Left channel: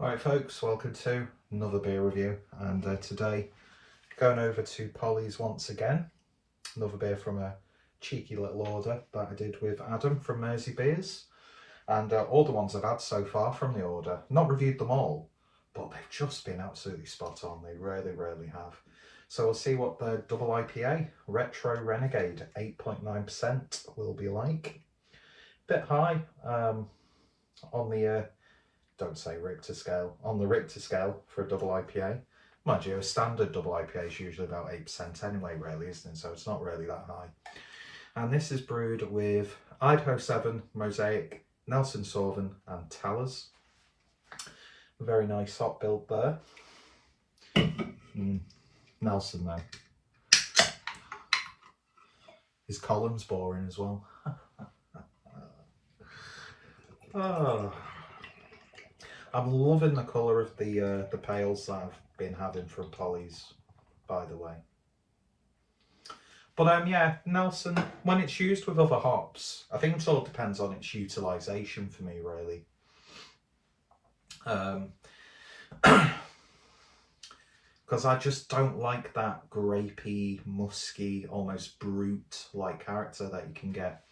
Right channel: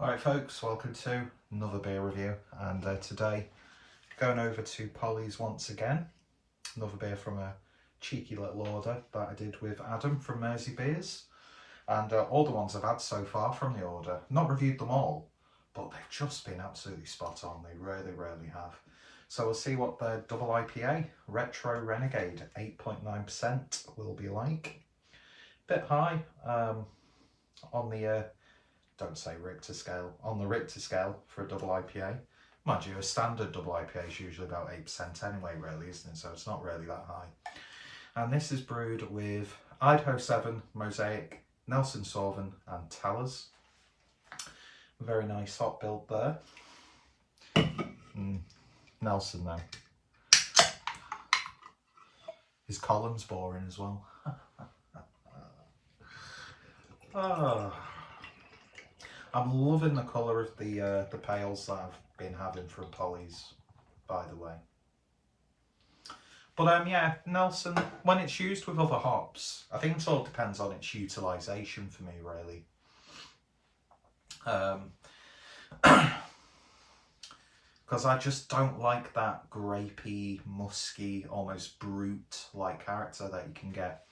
Alright folks, welcome to another beer review, and today going over to Polly's once again. Another beer from a cheeky little order that I did with Adam from Mersey Beers, and all the ones I've had so far from the order, not reviewed them all, but they've just been absolutely spot on. They really have. So we'll see what the double IPA Retrorenegade 8.9% will be like. Bit high on the don't say Richter scale, on the Richter scale for a double IPA. Mind you, a standard double IPA is usually about 8% anyway, really, isn't it? So it's not really that high. And this is brewed with Idaho 7, Mosaic, Nelson Sauvin and Talus. Very nice hop build there. Nelson though. His column's boring as well. Oh. I'm loving the colour of the pails that I've been having from Polly's, by the way. But yeah, Nelson, when it's used with other hops, I think it all depends on its utilisation for me, really. Because I just don't like that grapey, musky, almost brute-like character that you can get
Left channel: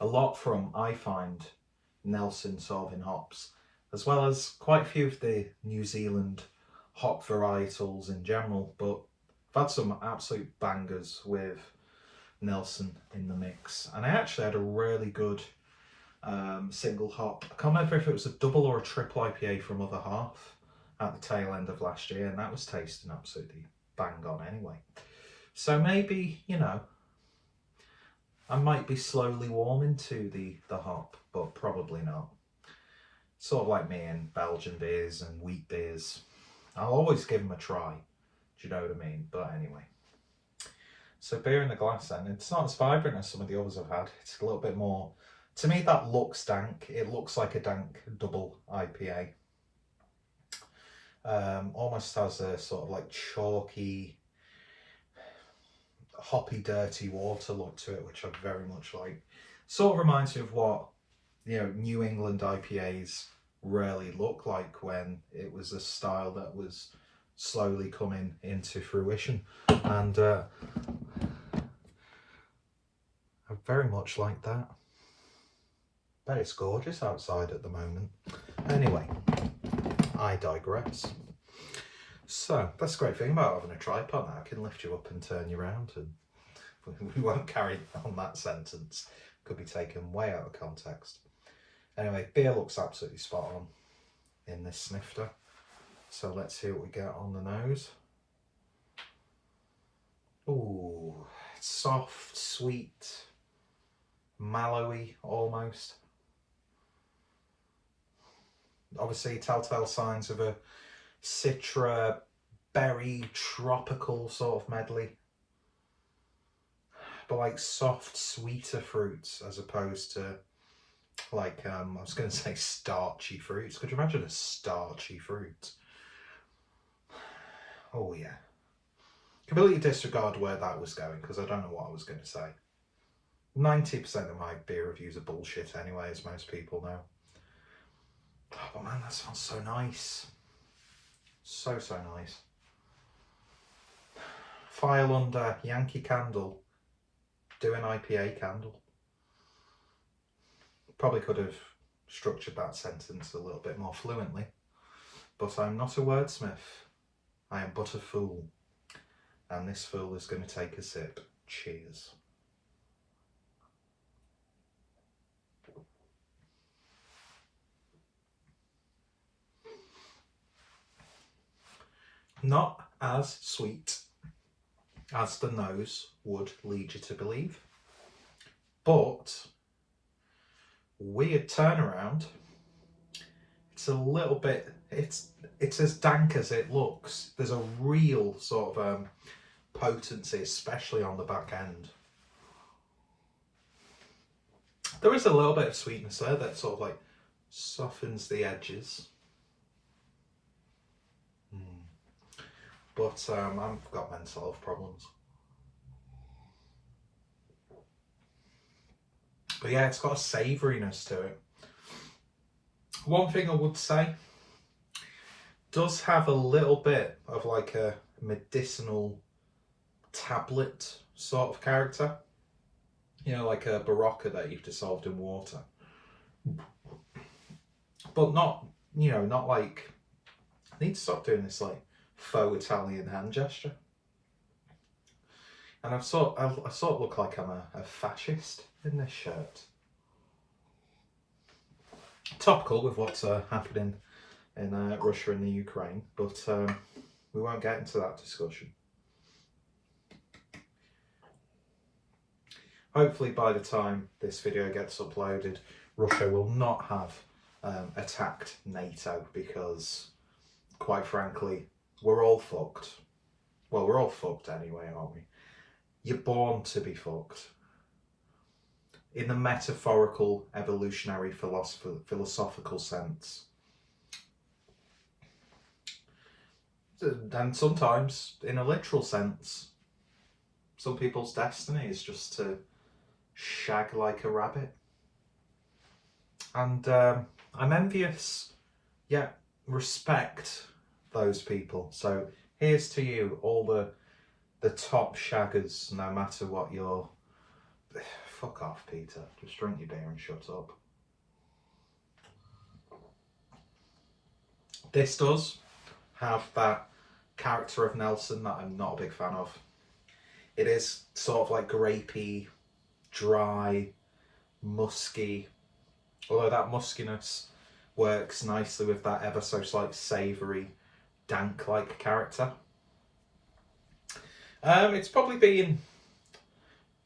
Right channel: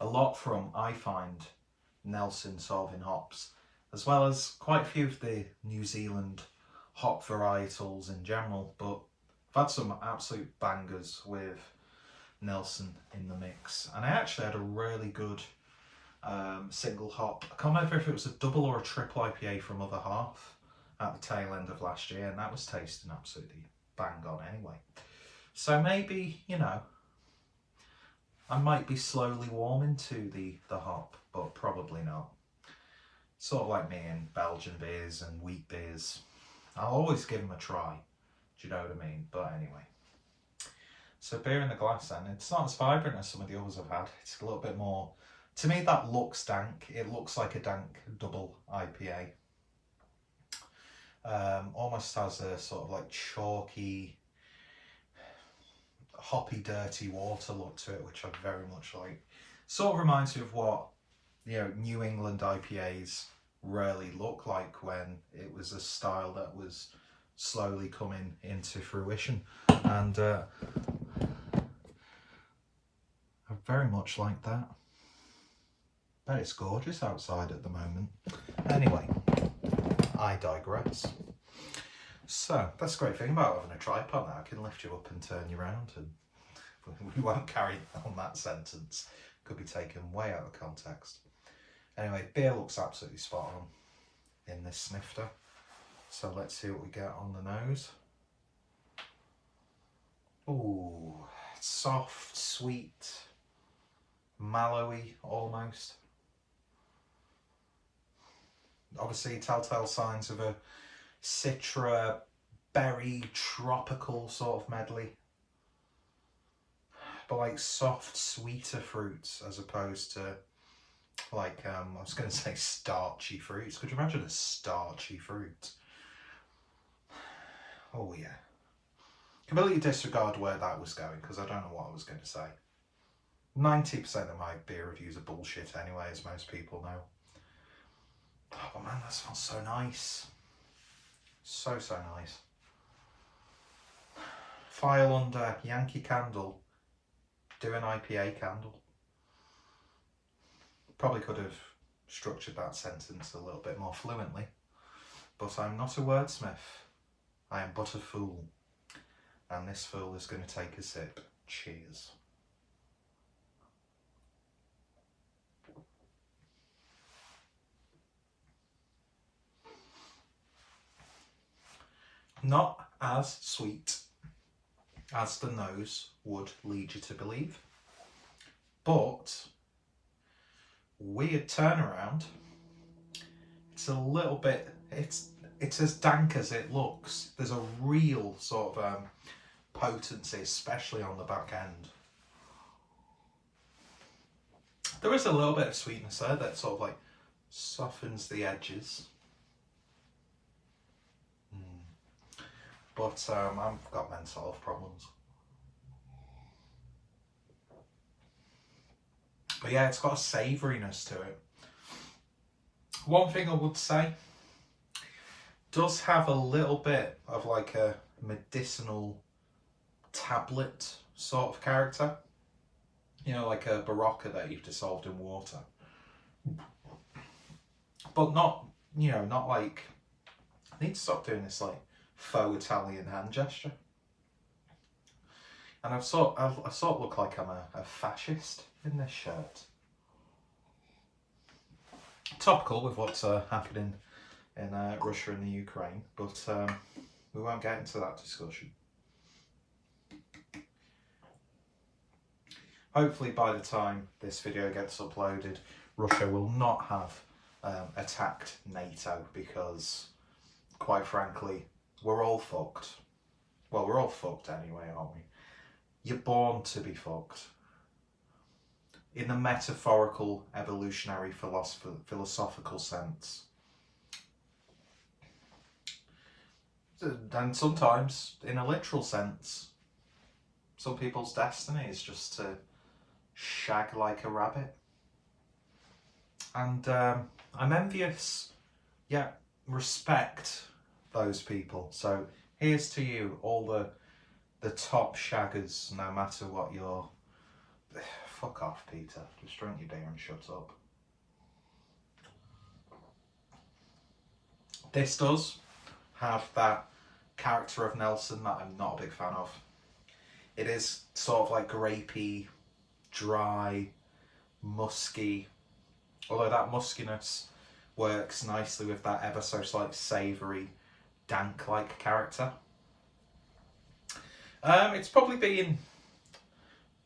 a lot from, I find, Nelson Sauvin hops, as well as quite a few of the New Zealand hop varietals in general. But I've had some absolute bangers with Nelson in the mix, and I actually had a really good single hop. I can't remember if it was a double or a triple IPA from Other Half at the tail end of last year, and that was tasting absolutely bang on anyway. So maybe, you know, I might be slowly warming to the hop, but probably not. Sort of like me in Belgian beers and wheat beers. I'll always give them a try. Do you know what I mean? But anyway. So beer in the glass then. It's not as vibrant as some of the others I've had. It's a little bit more... To me, that looks dank. It looks like a dank double IPA. Almost has a sort of like chalky, hoppy, dirty water look to it, which I very much like. Sort of reminds me of what, you know, New England IPAs really look like when it was a style that was slowly coming into fruition. And I very much like that. But it's gorgeous outside at the moment. Anyway, I digress. So that's the great thing about having a tripod now. I can lift you up and turn you around, and we won't carry on that sentence. Could be taken way out of context. Anyway, beer looks absolutely spot on in this snifter. So let's see what we get on the nose. Ooh, soft, sweet, mallowy almost. Obviously, telltale signs of a citra, berry, tropical sort of medley. But like soft, sweeter fruits as opposed to like, I was going to say starchy fruits. Could you imagine a starchy fruit? Oh yeah. Completely disregard where that was going, because I don't know what I was going to say. 90% of my beer reviews are bullshit anyway, as most people know. Oh but man, that smells so nice. So nice. File under Yankee Candle. Do an IPA candle. Probably could have structured that sentence a little bit more fluently, but I'm not a wordsmith. I am but a fool, and this fool is going to take a sip. Cheers. Not as sweet as the nose would lead you to believe, but weird turnaround. It's a little bit, it's as dank as it looks. There's a real sort of potency, especially on the back end. There is a little bit of sweetness there that sort of like softens the edges. But I've got mental health problems. But yeah, it's got a savouriness to it. One thing I would say, does have a little bit of like a medicinal tablet sort of character. You know, like a Barocca that you've dissolved in water. But not, you know, not like... I need to stop doing this like faux Italian hand gesture. And I sort of look like I'm a fascist in this shirt. Topical with what's happening in Russia and the Ukraine, but we won't get into that discussion. Hopefully by the time this video gets uploaded, Russia will not have attacked NATO, because quite frankly, we're all fucked. Well, we're all fucked anyway, aren't we? You're born to be fucked. In the metaphorical, evolutionary, philosophical sense. And sometimes in a literal sense. Some people's destiny is just to shag like a rabbit. And I'm envious, yet respect those people. So here's to you, all the top shaggers, no matter what your... Fuck off, Peter. Just drink your beer and shut up. This does have that character of Nelson that I'm not a big fan of. It is sort of like grapey, dry, musky. Although that muskiness works nicely with that ever so slight savoury, dank-like character. It's probably been...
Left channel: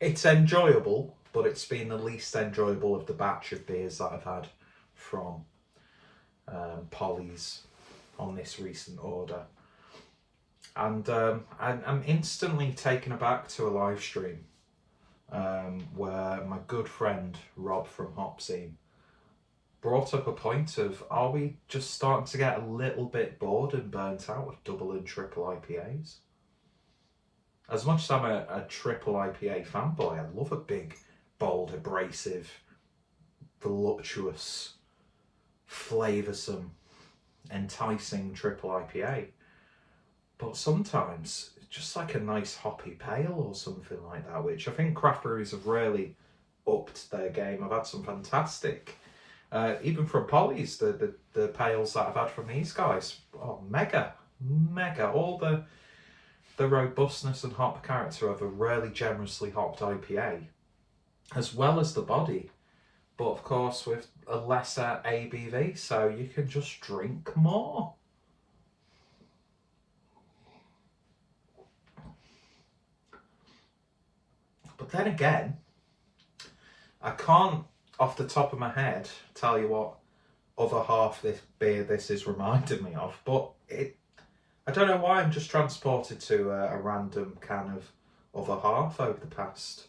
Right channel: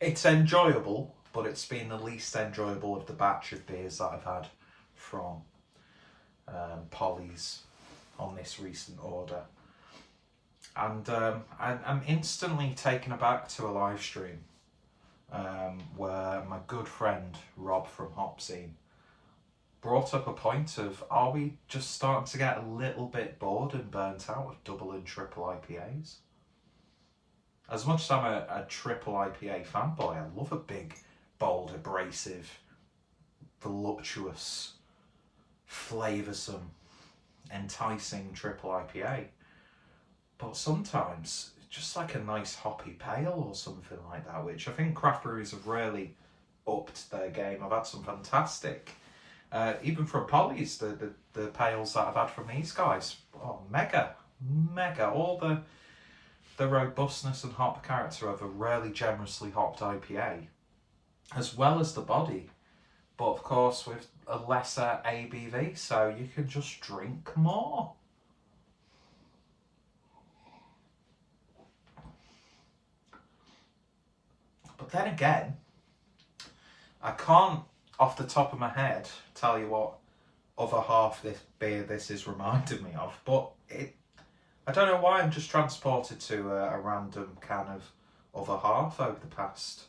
It's enjoyable, but it's been the least enjoyable of the batch of beers that I've had from Polly's on this recent order. And I'm instantly taken aback to a live stream where my good friend Rob from Hopscene brought up a point of, are we just starting to get a little bit bored and burnt out of double and triple IPAs? As much as I'm a triple IPA fanboy, I love a big, bold, abrasive, voluptuous, flavoursome, enticing triple IPA. But sometimes, just like a nice hoppy pale or something like that, which I think craft breweries have really upped their game. I've had some fantastic, even from Polly's, the pales that I've had from these guys. Oh, mega. All the robustness and hop character of a really generously hopped IPA, as well as the body, but of course with a lesser ABV, so you can just drink more. But then again, I can't off the top of my head tell you what other half this beer this is reminding me of, but I don't know why I'm just transported to a random can of other half over the past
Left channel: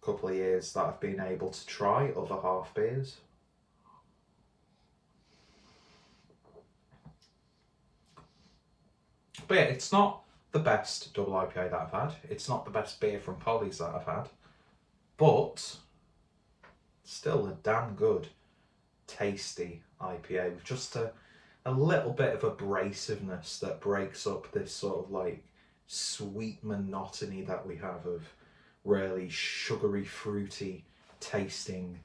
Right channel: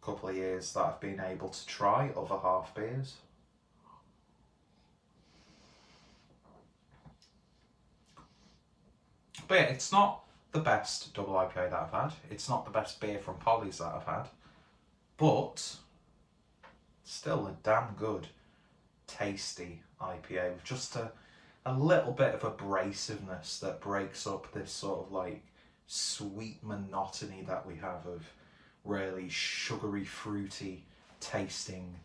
couple of years that I've been able to try other half beers. But yeah, it's not the best double IPA that I've had. It's not the best beer from Polly's that I've had. But still a damn good, tasty IPA with just a little bit of abrasiveness that breaks up this sort of like sweet monotony that we have of really sugary, fruity tasting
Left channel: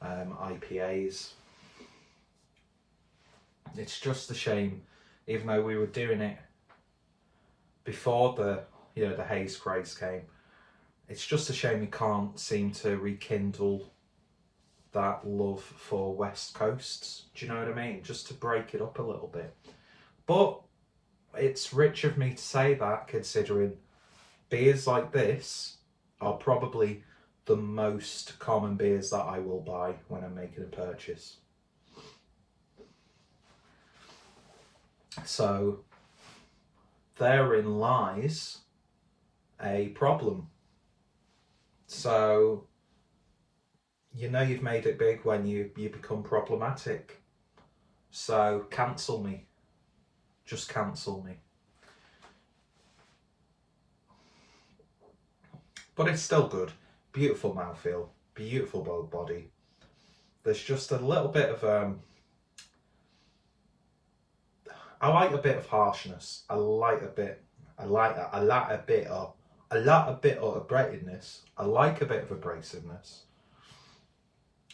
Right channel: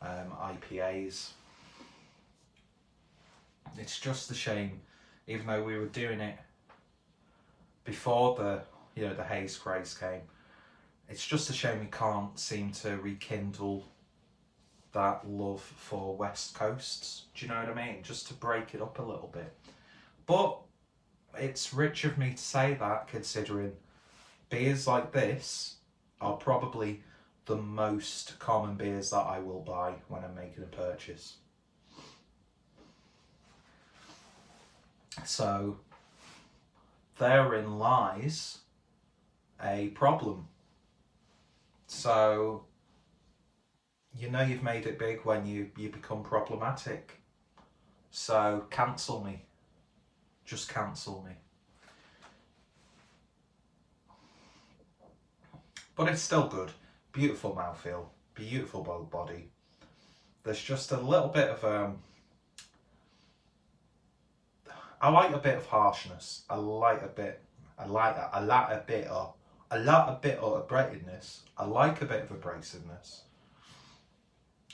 IPAs. It's just a shame, even though we were doing it before the haze craze came, it's just a shame we can't seem to rekindle that love for West Coasts. Do you know what I mean? Just to break it up a little bit. But it's rich of me to say that, considering beers like this are probably the most common beers that I will buy when I'm making a purchase. So therein lies a problem. So you know you've made it big when you become problematic. So cancel me. Just cancel me. But it's still good. Beautiful mouthfeel. Beautiful body. There's just a little bit of I like a bit of harshness. I like a bit of abrasiveness. I like a bit of abrasiveness.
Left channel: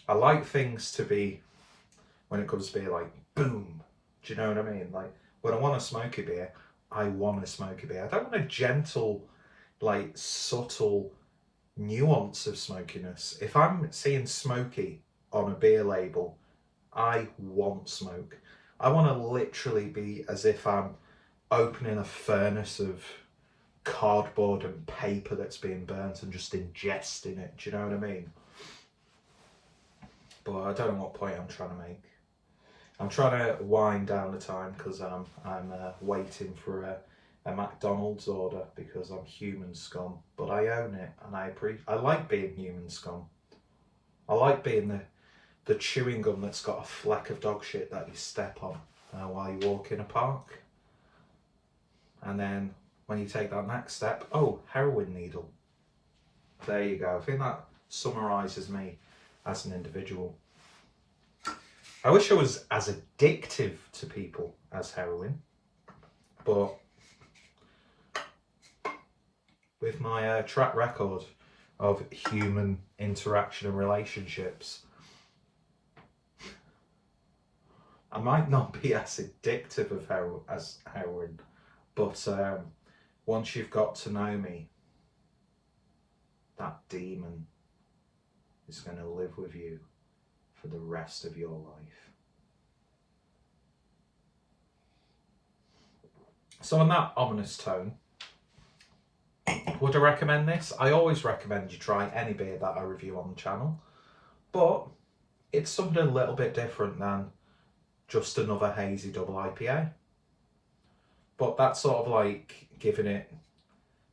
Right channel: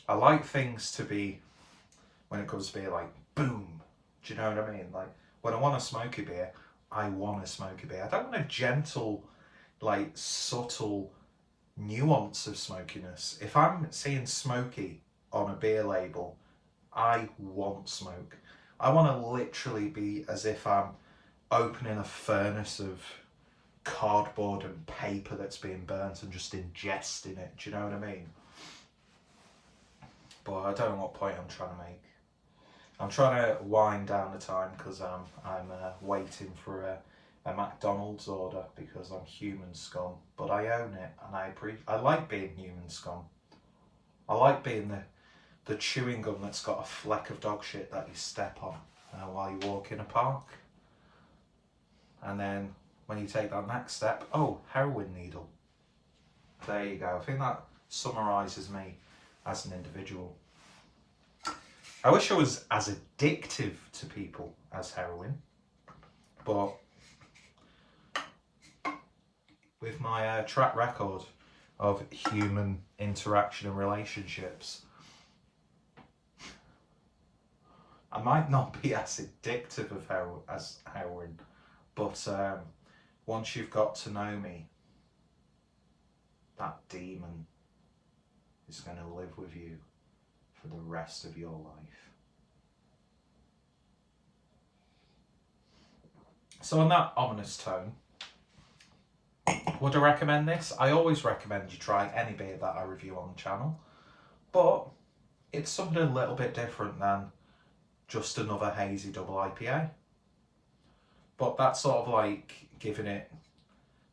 I like things to be, when it comes to beer, like boom. Do you know what I mean? Like when I want a smoky beer, I want a smoky beer. I don't want a gentle, like subtle nuance of smokiness. If I'm seeing smoky on a beer label, I want smoke. I want to literally be as if I'm opening a furnace of cardboard and paper that's being burnt and just ingesting it. Do you know what I mean? But I don't know what point I'm trying to make. I'm trying to wind down the time because I'm waiting for a McDonald's order because I'm human scum. But I own it and I like being human scum. I like being the chewing gum that's got a fleck of dog shit that you step on while you walk in a park. And then when you take that next step, oh, heroin needle. There you go. I think that summarises me as an individual. I wish I was as addictive to people as heroin, but with my track record of human interaction and relationships, I might not be as addictive as heroin, but once you've got to know me, that demon is going to live with you for the rest of your life. So on that ominous tone, would I recommend this? I always recommend you try any beer that I review on the channel, but it's something a little bit different than just another hazy double IPA. But that's sort of like giving it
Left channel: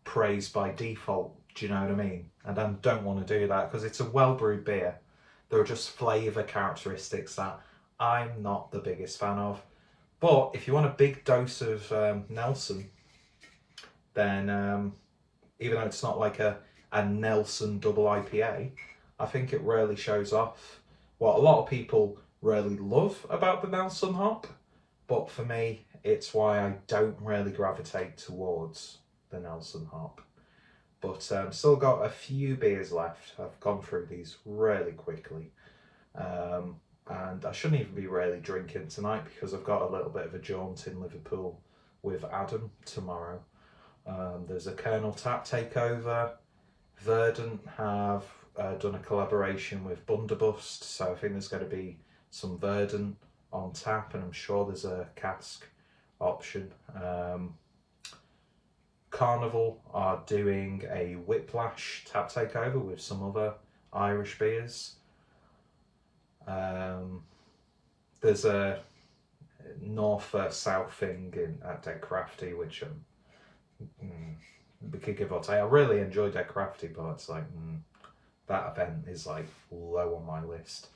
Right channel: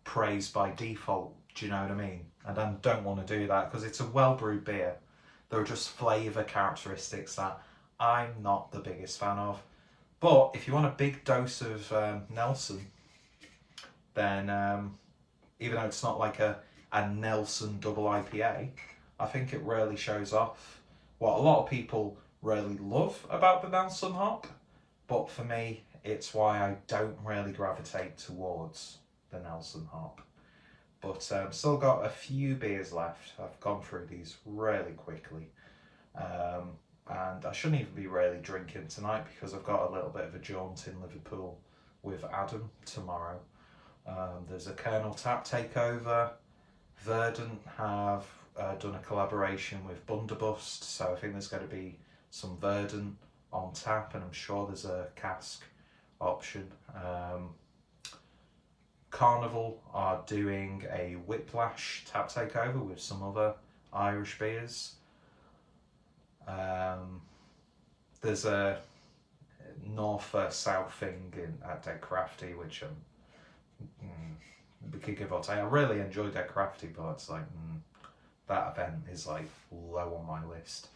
praise by default, do you know what I mean? And I don't want to do that because it's a well-brewed beer. There are just flavour characteristics that I'm not the biggest fan of. But if you want a big dose of Nelson, then even though it's not like a Nelson double IPA, I think it really shows off what a lot of people really love about the Nelson hop. But for me, it's why I don't really gravitate towards the Nelson hop. But still got a few beers left. I've gone through these really quickly. And I shouldn't even be really drinking tonight because I've got a little bit of a jaunt in Liverpool with Adam tomorrow. There's a Colonel Tap takeover. Verdant have done a collaboration with Bunderbust, so I think there's going to be some Verdant on tap, and I'm sure there's a cask option. Carnival are doing a Whiplash tap takeover with some other Irish beers. There's a north-south thing at Dead Crafty, which we could give or take. I really enjoy Dead Crafty, but it's like that event is like low on my list.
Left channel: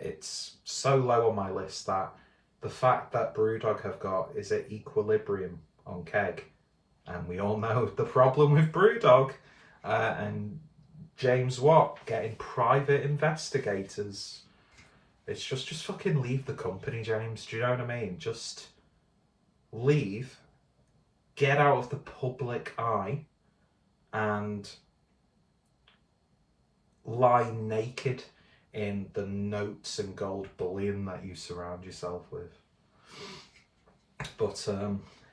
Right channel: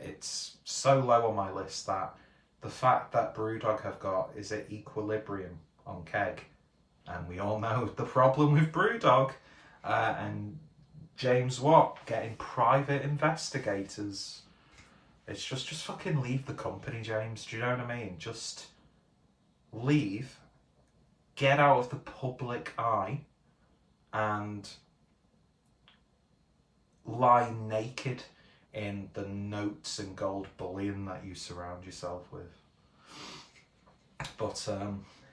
It's so low on my list that the fact that Brewdog have got is at Equilibrium on keg, and we all know the problem with Brewdog, and James Watt getting private investigators. It's just fucking leave the company, James. Do you know what I mean? Just leave, get out of the public eye, and lie naked in the notes and gold bullion that you surround yourself with. But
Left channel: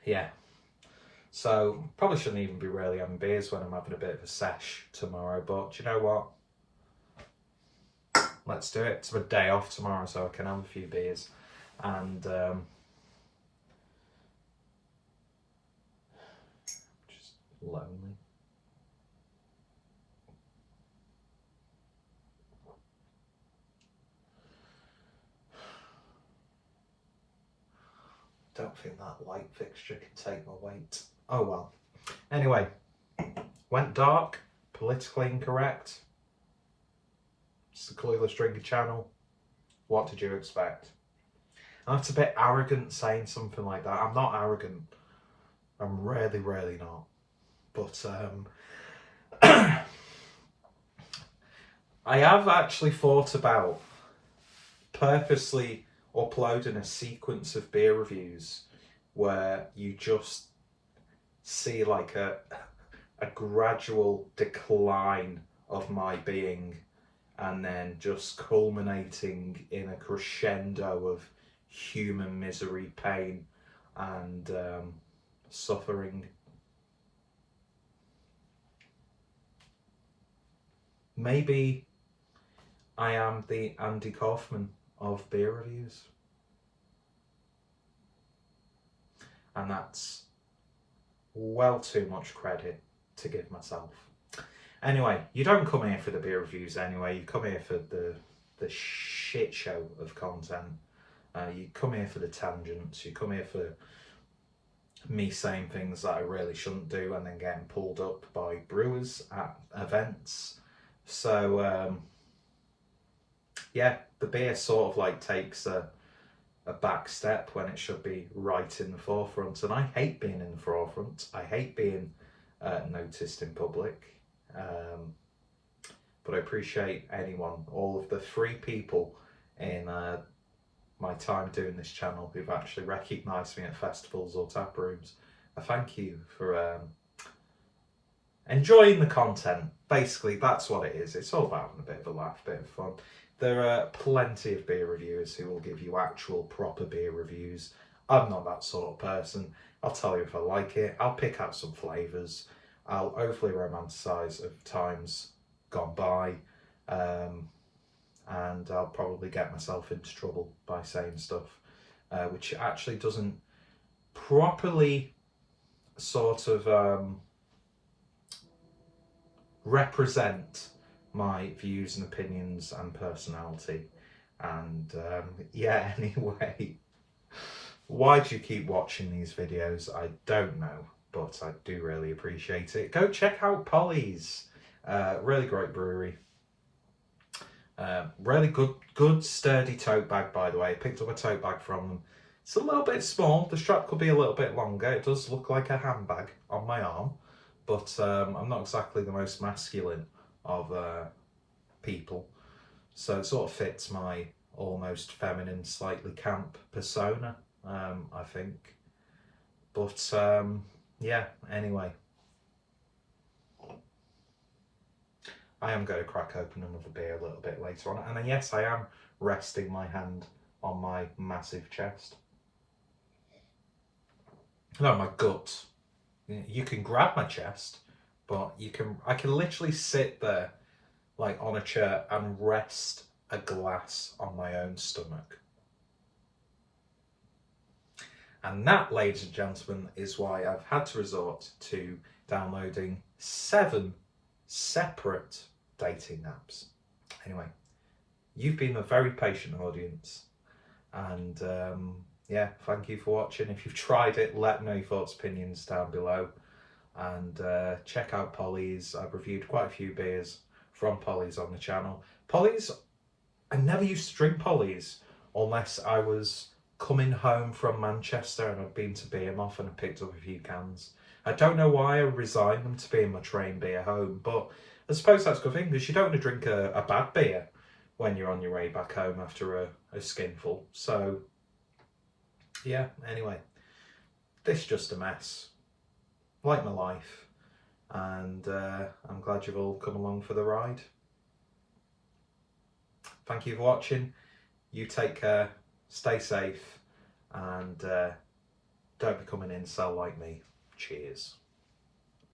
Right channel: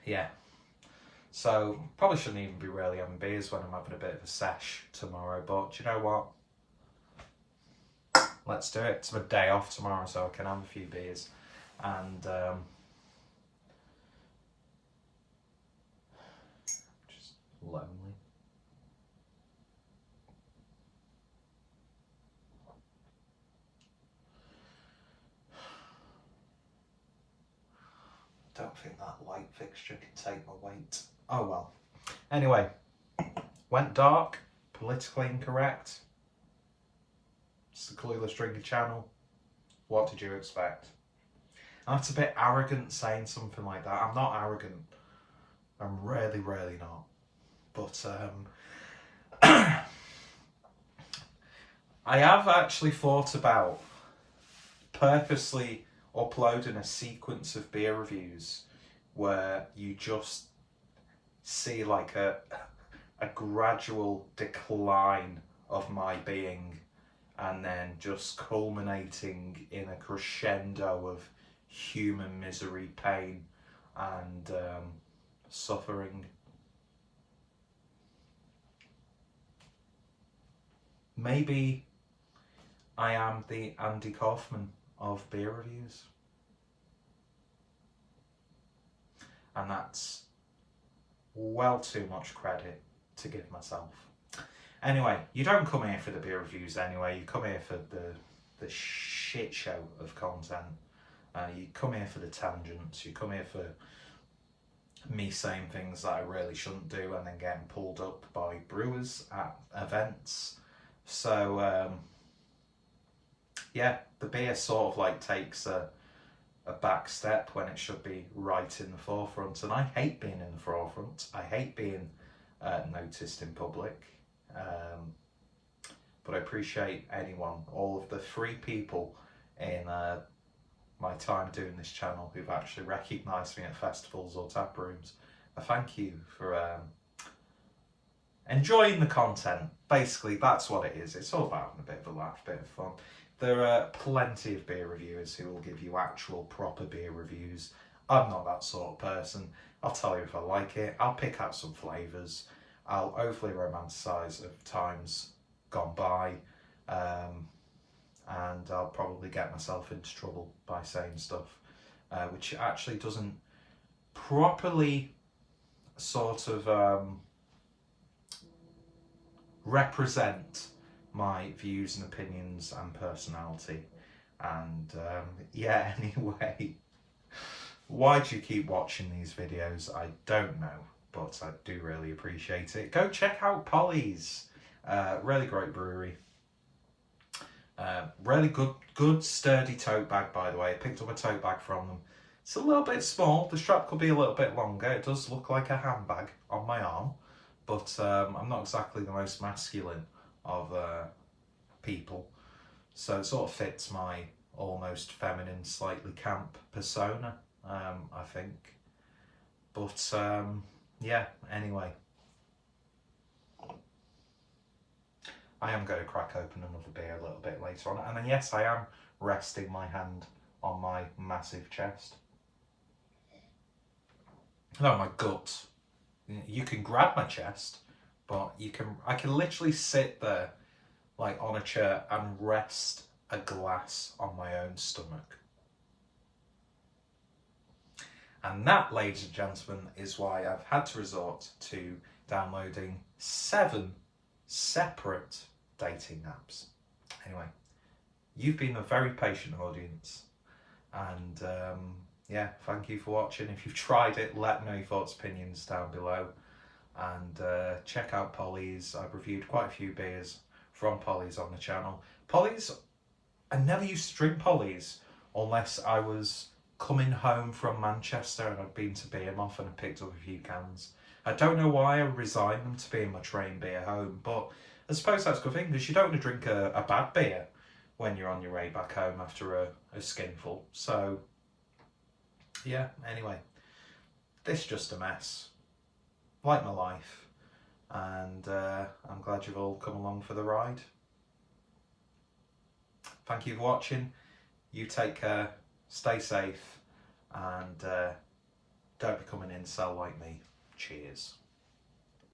yeah, so probably shouldn't even be really having beers when I'm having a bit of a sesh tomorrow, but do you know what? Let's do it. It's my day off tomorrow, so I can have a few beers and just lonely. Don't think that light fixture can take my weight. Oh well. Anyway, went dark, politically incorrect. It's the Clueless Drinker channel. What did you expect? And that's a bit arrogant saying something like that. I'm not arrogant. I'm really, really not. But I have actually thought about purposely uploading a sequence of beer reviews where you just see like a gradual decline of my being, and then just culminating in a crescendo of human misery, pain, and suffering. Maybe I am the Andy Kaufman of beer reviews. And that's well too much credit to give myself. Anyway, you don't come here for the beer reviews anyway, you come here for the shit show of content. You come here for the tangents, you come here for me saying things that I really shouldn't do and then getting pulled up by brewers at events. So yeah, the beer sort of like takes a back step when it should be right in the forefront, and I hate being in the forefront. I hate being noticed in public, but I appreciate anyone, all of the 3 people in my time doing this channel who've actually recognised me at festivals or tap rooms. I thank you for enjoying the content. Basically, that's what it is. It's all about having a bit of a laugh, a bit of fun. There are plenty of beer reviewers who will give you actual proper beer reviews. I'm not that sort of person. I'll tell you if I like it. I'll pick out some flavours. I'll overly romanticise of times gone by. And I'll probably get myself into trouble by saying stuff which actually doesn't properly sort of represent my views and opinions and personality. And yeah, anyway, why do you keep watching these videos? I don't know, but I do really appreciate it. Go check out Polly's, really great brewery. Really good sturdy tote bag, by the way. I picked up a tote bag from them. It's a little bit small, the strap could be a little bit longer. It does look like a handbag on my arm, but I'm not exactly the most masculine of people, so it sort of fits my almost feminine, slightly camp persona, I think. But yeah, anyway, I am going to crack open another beer a little bit later on, and then yes, I am resting my hand on my massive chest. No, my guts. You can grab my chest, but I can literally sit there like on a chair and rest a glass on my own stomach. And that, ladies and gentlemen, is why I've had to resort to downloading 7 separate dating apps. Anyway, you've been a very patient audience, and yeah, thank you for watching. If you've tried it, let me know your thoughts, opinions down below, and check out Polly's. I've reviewed quite a few beers from Polly's on the channel. Polly's, I never used to drink Polly's unless I was coming home from Manchester and I'd been to Beermoth and I picked up a few cans. I don't know why I resigned them to being my train beer home, but I suppose that's a good thing, because you don't want to drink a bad beer when you're on your way back home after a skinful. So yeah, anyway, this is just a mess, like my life, and I'm glad you've all come along for the ride. Thank you for watching. You take care, stay safe, and don't become an incel like me. Cheers.